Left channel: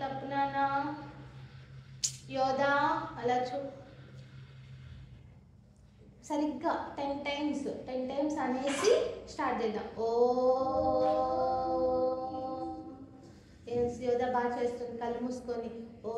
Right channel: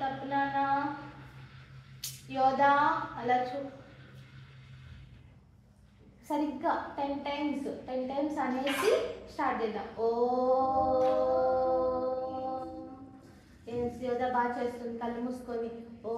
తప్పు నాన్న. యోధా అలా సరిగ్గా 10 టైమ్స్ అనేసి స్టార్ట్ చేద్దాం. ఓ యోధా బాగా చేస్తుంది. కళ్ళు మూసుకొని ఓ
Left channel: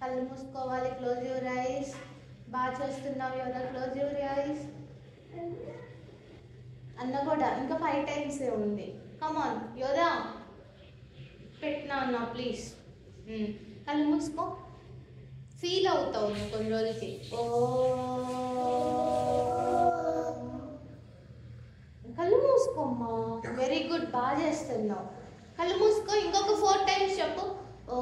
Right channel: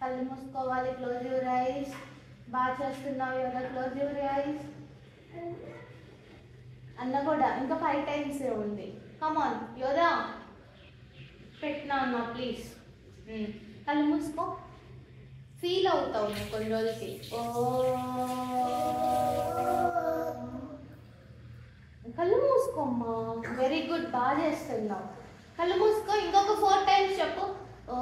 కళ్ళు మూసుకోవాలి. Close your eyes. బాగా చేస్తున్నావు యోధా. Close your eyes. అన్న కూడా ఇంకా 5 టైమ్స్ ఉంది. కమాన్ యోధా పెట్టినా అన్న ప్లీజ్. కళ్ళు మూసుకో. ఫీల్ అవుతావు నువ్వు కొన్ని రోజులకి. ఓ కళ్ళు మూసుకోమ్మా. Very good. బాగా చేస్తున్నావు. కళ్ళు మూసుకో. ఇంకొక 4 టైమ్స్ చెప్పు. ఓ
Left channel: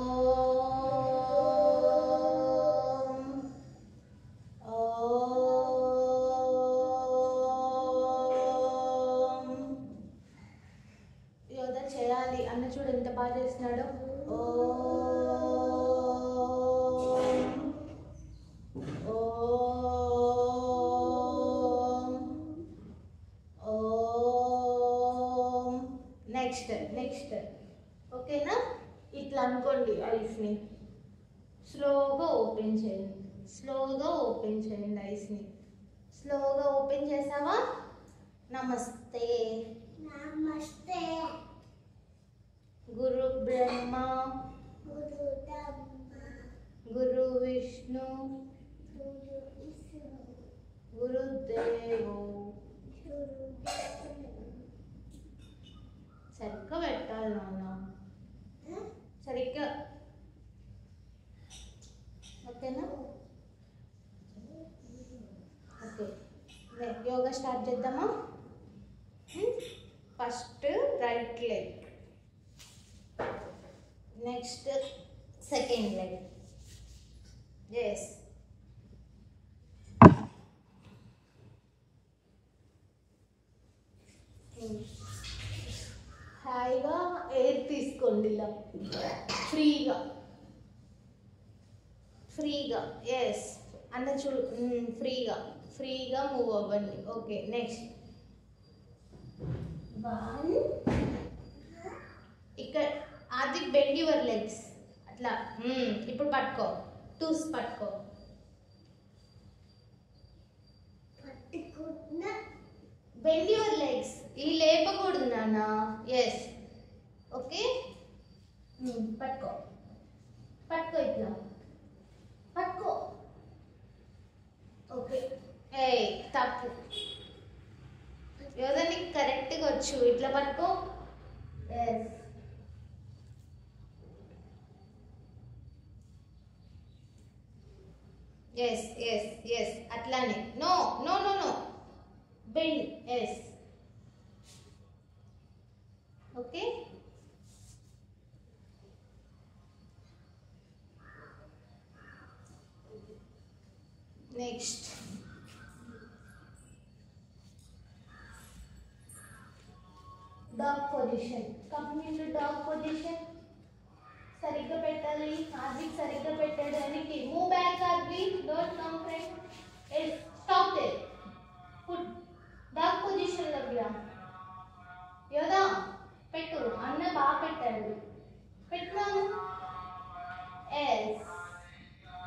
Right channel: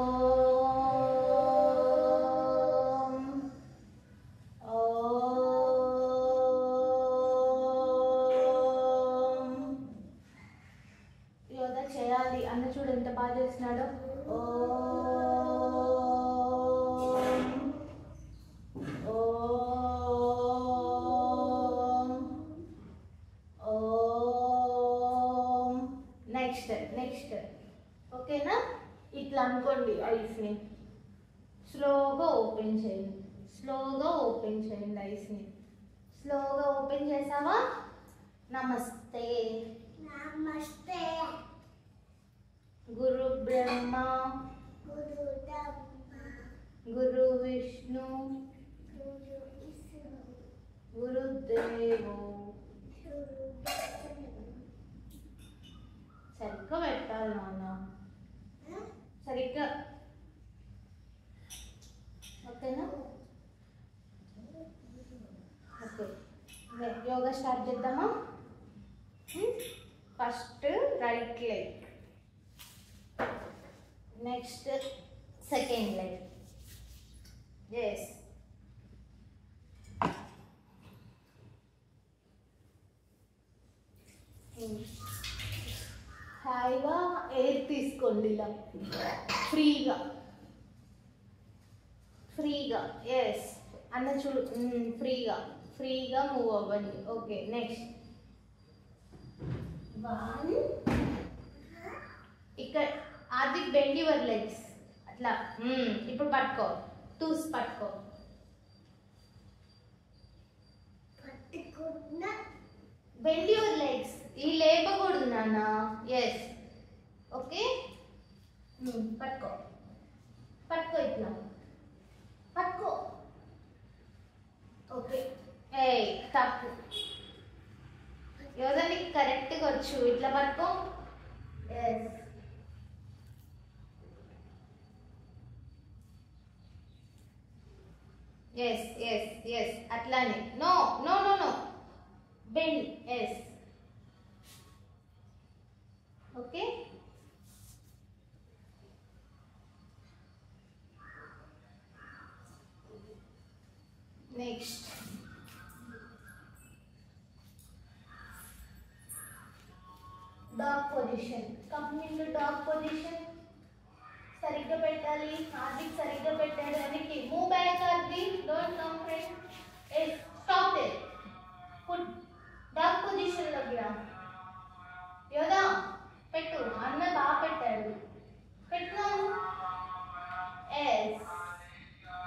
యోధా చేయాలి. అన్న చూడు ఎంత బాగా చేస్తున్నాడు. ఓ నెక్స్ట్ ఓకేనా. ఇట్లా అనుకోండి. ఐస్ని స్లోగా ఓపెన్ చేయండి. ఐస్ని స్లోగా ఓపెన్ చేసావా. నమస్తే. గురు బ్రహ్మ గురు విష్ణు గురుదేవో. సరిగ్గా పెట్టాలి నాన్న. సరిగ్గా ఓకేనా. ఓకే యోగా స్టార్ట్ చేద్దామా. First right leg, next second leg. Yes హాయిగా ఎయిర్ తీసుకోండి. ఇలా ఫ్రీగా. ఎస్ అన్న చూడు. ఫ్రీగా మూవ్ అవ్వండి. Okay next 1. ఇక్కడ ఆదిక్ బెండ్ యువర్ లెగ్స్. అట్లా ఇప్పుడు పట్టుకో. 2 పట్టుకో. Bend your legs. ఈ లేపకూడదు నాన్న. Yes okay. పట్టుకో ఇట్లా పట్టుకో. ఓకే. తప్పు యోధా. నీకు కరెక్ట్గా వచ్చు. ఇట్లా పట్టుకో. ఎస్ అట్లానే. No bend. Yes okay. Next dog position. Come in to dog position. సరిగ్గా పెట్టాలి. హార్దిక్ సరిగ్గా పెట్టాడు. వెనక్కి move back. Hardik don't come front. Stop there. Put dog position లోకి రా. యోధా పెట్టు. అన్న బాగా పెట్టాడు. పెట్టినాము.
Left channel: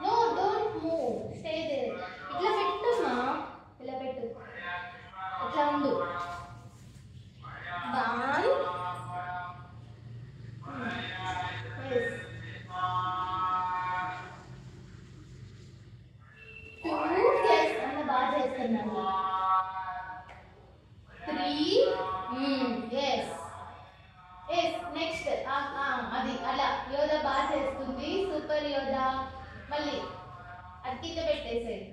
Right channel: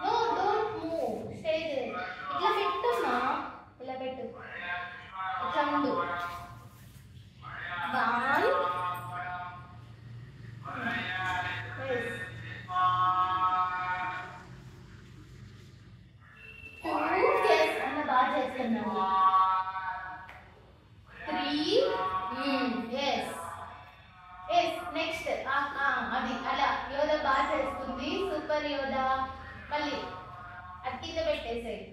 No don't move. Stay there. ఇట్లా పెట్టమ్మా. ఇలా పెట్టు. ఇట్లా ఉండు. 1. అన్న బాగా చేస్తున్నాను. 3. నెక్స్ట్ అది అలా. యోధా బాగా చేస్తుంది. సూపర్ యోధా. మళ్ళీ అది కింద పెట్టేసేది.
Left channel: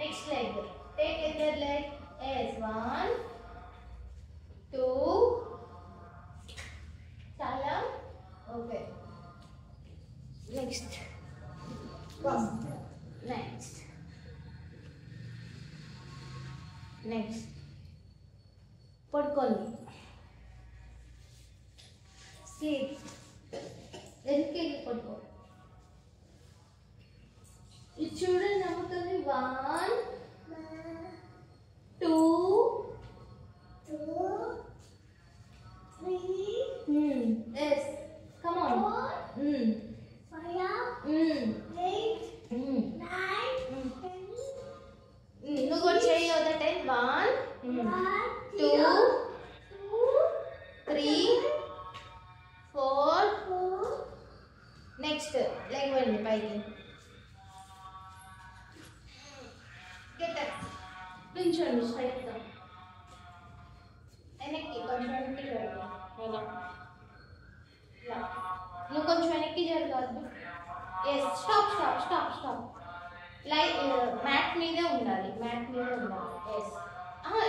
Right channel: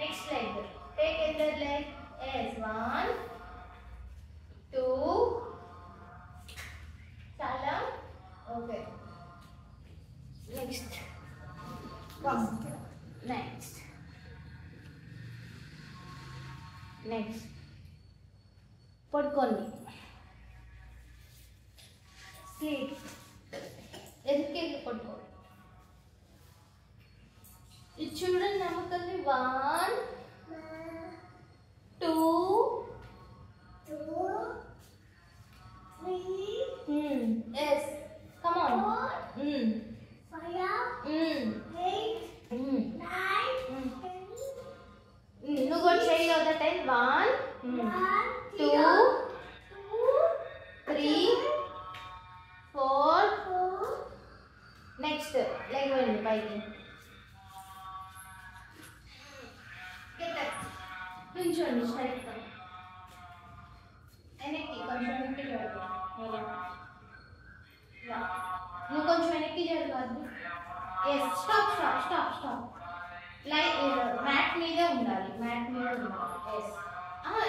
Next leg. Take other leg. 1 2 చాలా. Okay next 1. నెక్స్ట్ నెక్స్ట్ పడుకోండి. స్లీప్. ఎందుకెళ్ళి పడుకో. ఇది చూడండి నమ్ముతుంది. 1 2 3 yes come on 5 8 9 నువ్వు కూడా చెయ్యి అవుతా టైం. 1 2 3 4 నెక్స్ట్ లెగ్ వెళ్ళండి పైకి. నుంచోండి స్ట్రైట్గా. వెనక్కి కొంచెం వెనక్కి జరగదు. నువ్వు కొంచెం వెనక్కి జరగద్దు. Yes stop stop stop stop. Like mat మీదే ఉండాలి. మ్యాట్ మీద ఉండాలి. ఎస్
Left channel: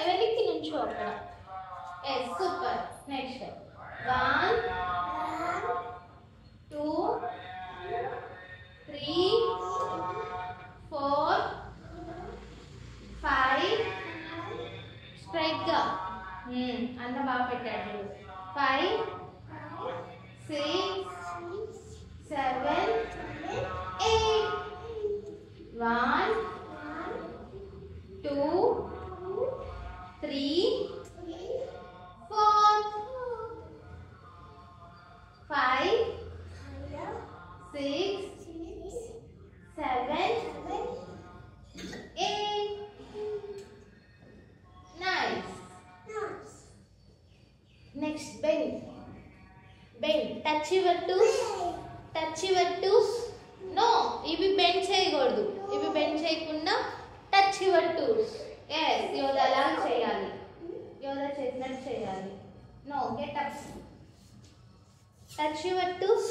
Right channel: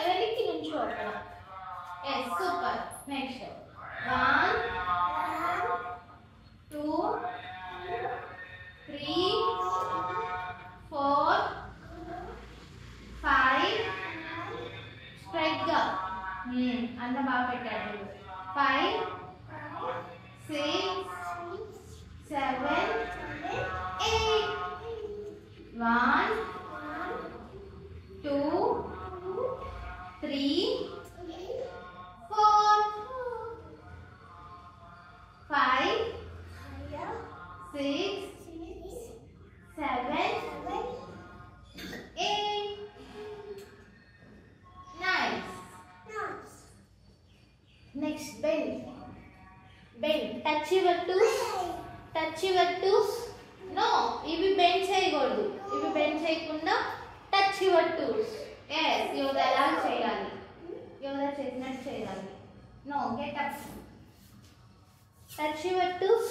వెనక్కి నుంచో అక్కడ. Yes super. నెక్స్ట్ 1 2 3 4 5 స్ట్రైట్ గా అన్న బాగా పెట్టాడు. 5 6 7 8 1 2 3 4 5 6 7 8 nice. Next bend. Bend. Touch your toes. Touch your toes. No, ఇవి bend చేయకూడదు. ఇవి bend చేయకుండా touch your toes. Yes, yoga అలా చేయాలి. యోగా చేసినట్టు చేయాలి. No, get up. Touch your toes.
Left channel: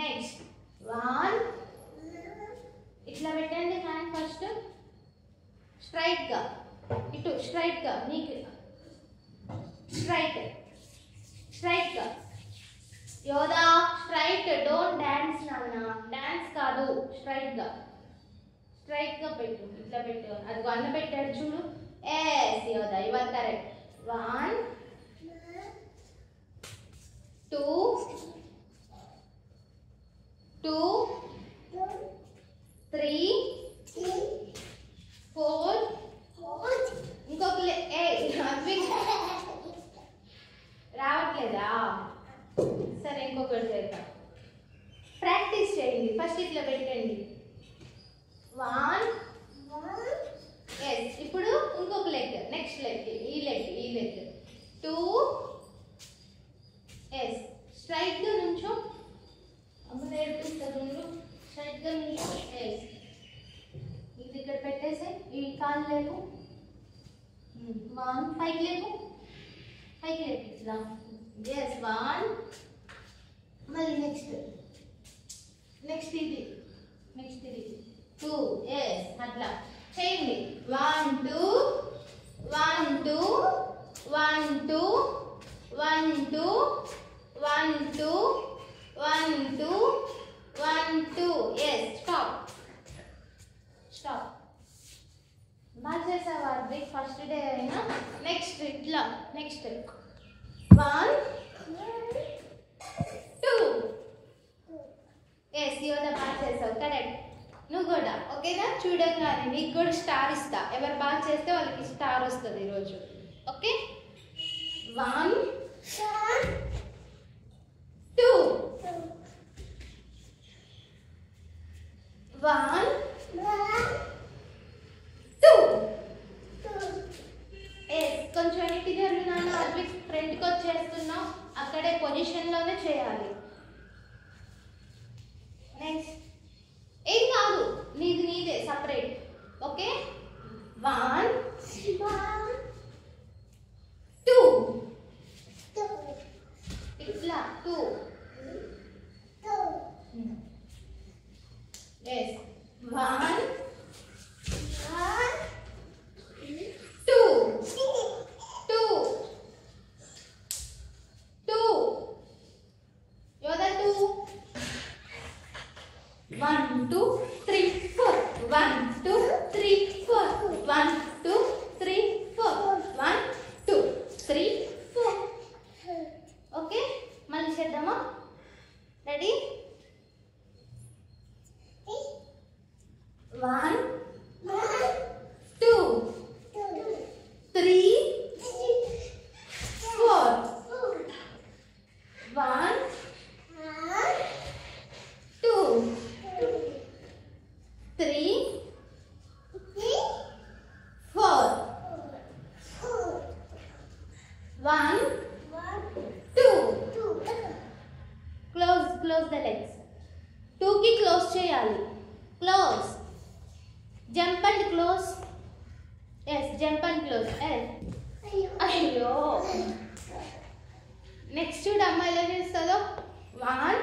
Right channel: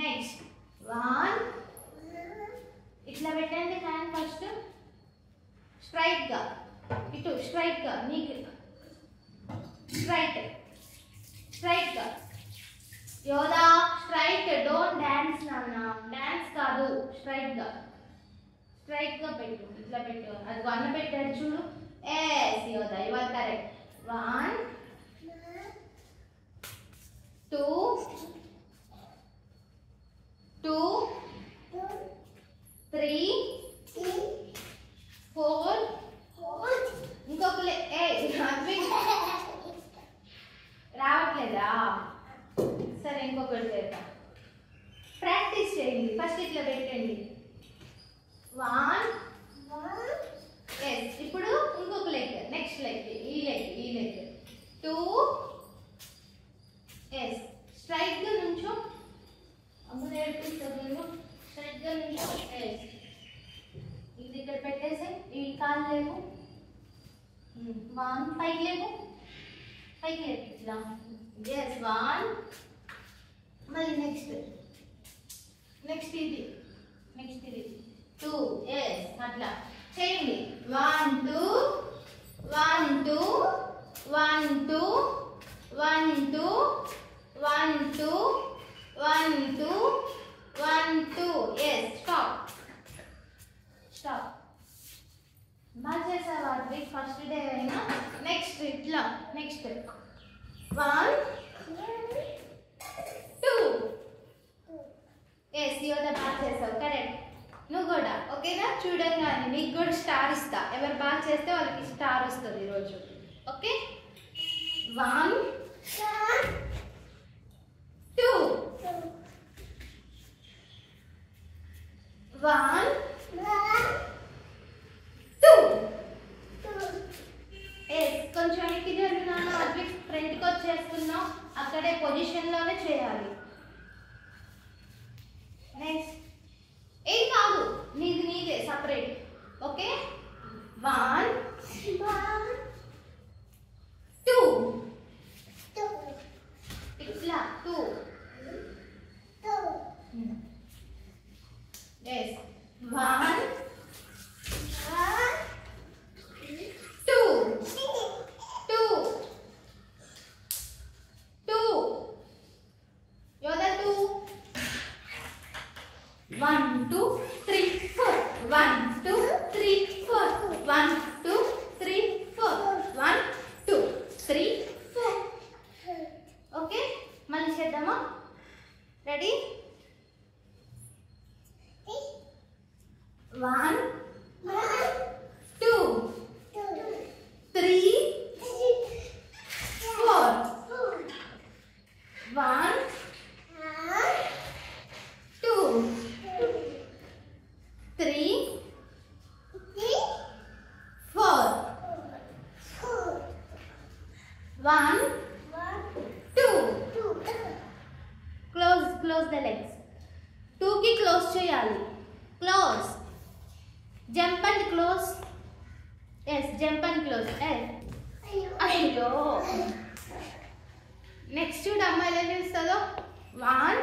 Next 1 ఇట్లా పెట్టండి. హ్యాండ్ ఫస్ట్ స్ట్రైట్ గా ఇటు స్ట్రైట్ గా నీకు స్ట్రైట్ స్ట్రైట్ గా. యోదా స్ట్రైట్. డోంట్ డాన్స్ నాన్న. డాన్స్ కాదు. స్ట్రైట్ గా స్ట్రైట్ గా పెట్టు. ఇట్లా పెట్టు. అది అన్న పెట్టాడు చూడు. Yes Yodha you are correct. 1 2 2 3 4 ఇంకొక రావట్లేదా? సరే ఇంకొకటి చేద్దాం. ప్రాక్టీస్ చేయండి. ఫస్ట్ ఇట్లా పెట్టండి. 1 ఎస్ ఇప్పుడు ఇంకొక లెగ్. నెక్స్ట్ లెగ్ ఈ లెగ్ 2 ఎస్ స్ట్రైట్ గా నుంచో. అమ్మ నేర్పిస్తుంది. స్ట్రైట్ గా నుంచో. ఎస్ ఇది ఇక్కడ పెట్టేసి ఈ కాలు లేవు. 1 పైకి లేవు. పైకి లేవు ఇట్లా. ఎస్ 1 మళ్ళీ నెక్స్ట్ ఇది 2 ఎస్ అట్లా చేయండి. 1 2 1 2 1 2 1 2 1 2 1 2 1 2 ఎస్ స్టాప్ స్టాప్. బాగా చేసావా అద్విక్? ఫస్ట్ డే అయినా. నెక్స్ట్ ఇట్లా నెక్స్ట్ 1 2 ఎస్ యోదా బాగా చేసావు. కరెక్ట్. నువ్వు కూడా ఓకేనా? చూడంగానే నీకు కూడా స్టార్ ఇస్తా. ఎవరు బాగా చేస్తే వాళ్ళకి స్టార్ వస్తుంది ఈరోజు. ఓకే 1 2 1 2 ఎస్ కొంచెం వెనక్కి జరుగుతున్నాను. అద్విక్ ఫ్రంట్కి వచ్చేస్తున్నావు. అక్కడే పొజిషన్లోనే చేయాలి. నెక్స్ట్ ఏం కాదు. నీదే సపరేట్. ఓకే 1 2 ఇట్లా 2 ఎస్ 1 1 2 3 4 1 2 3 4 1 2 close the legs 2 కి క్లోజ్ చేయాలి close jump and close yes jump and close అయ్యో నెక్స్ట్ చూడు అమ్మ ఎలా చేస్తుందో 1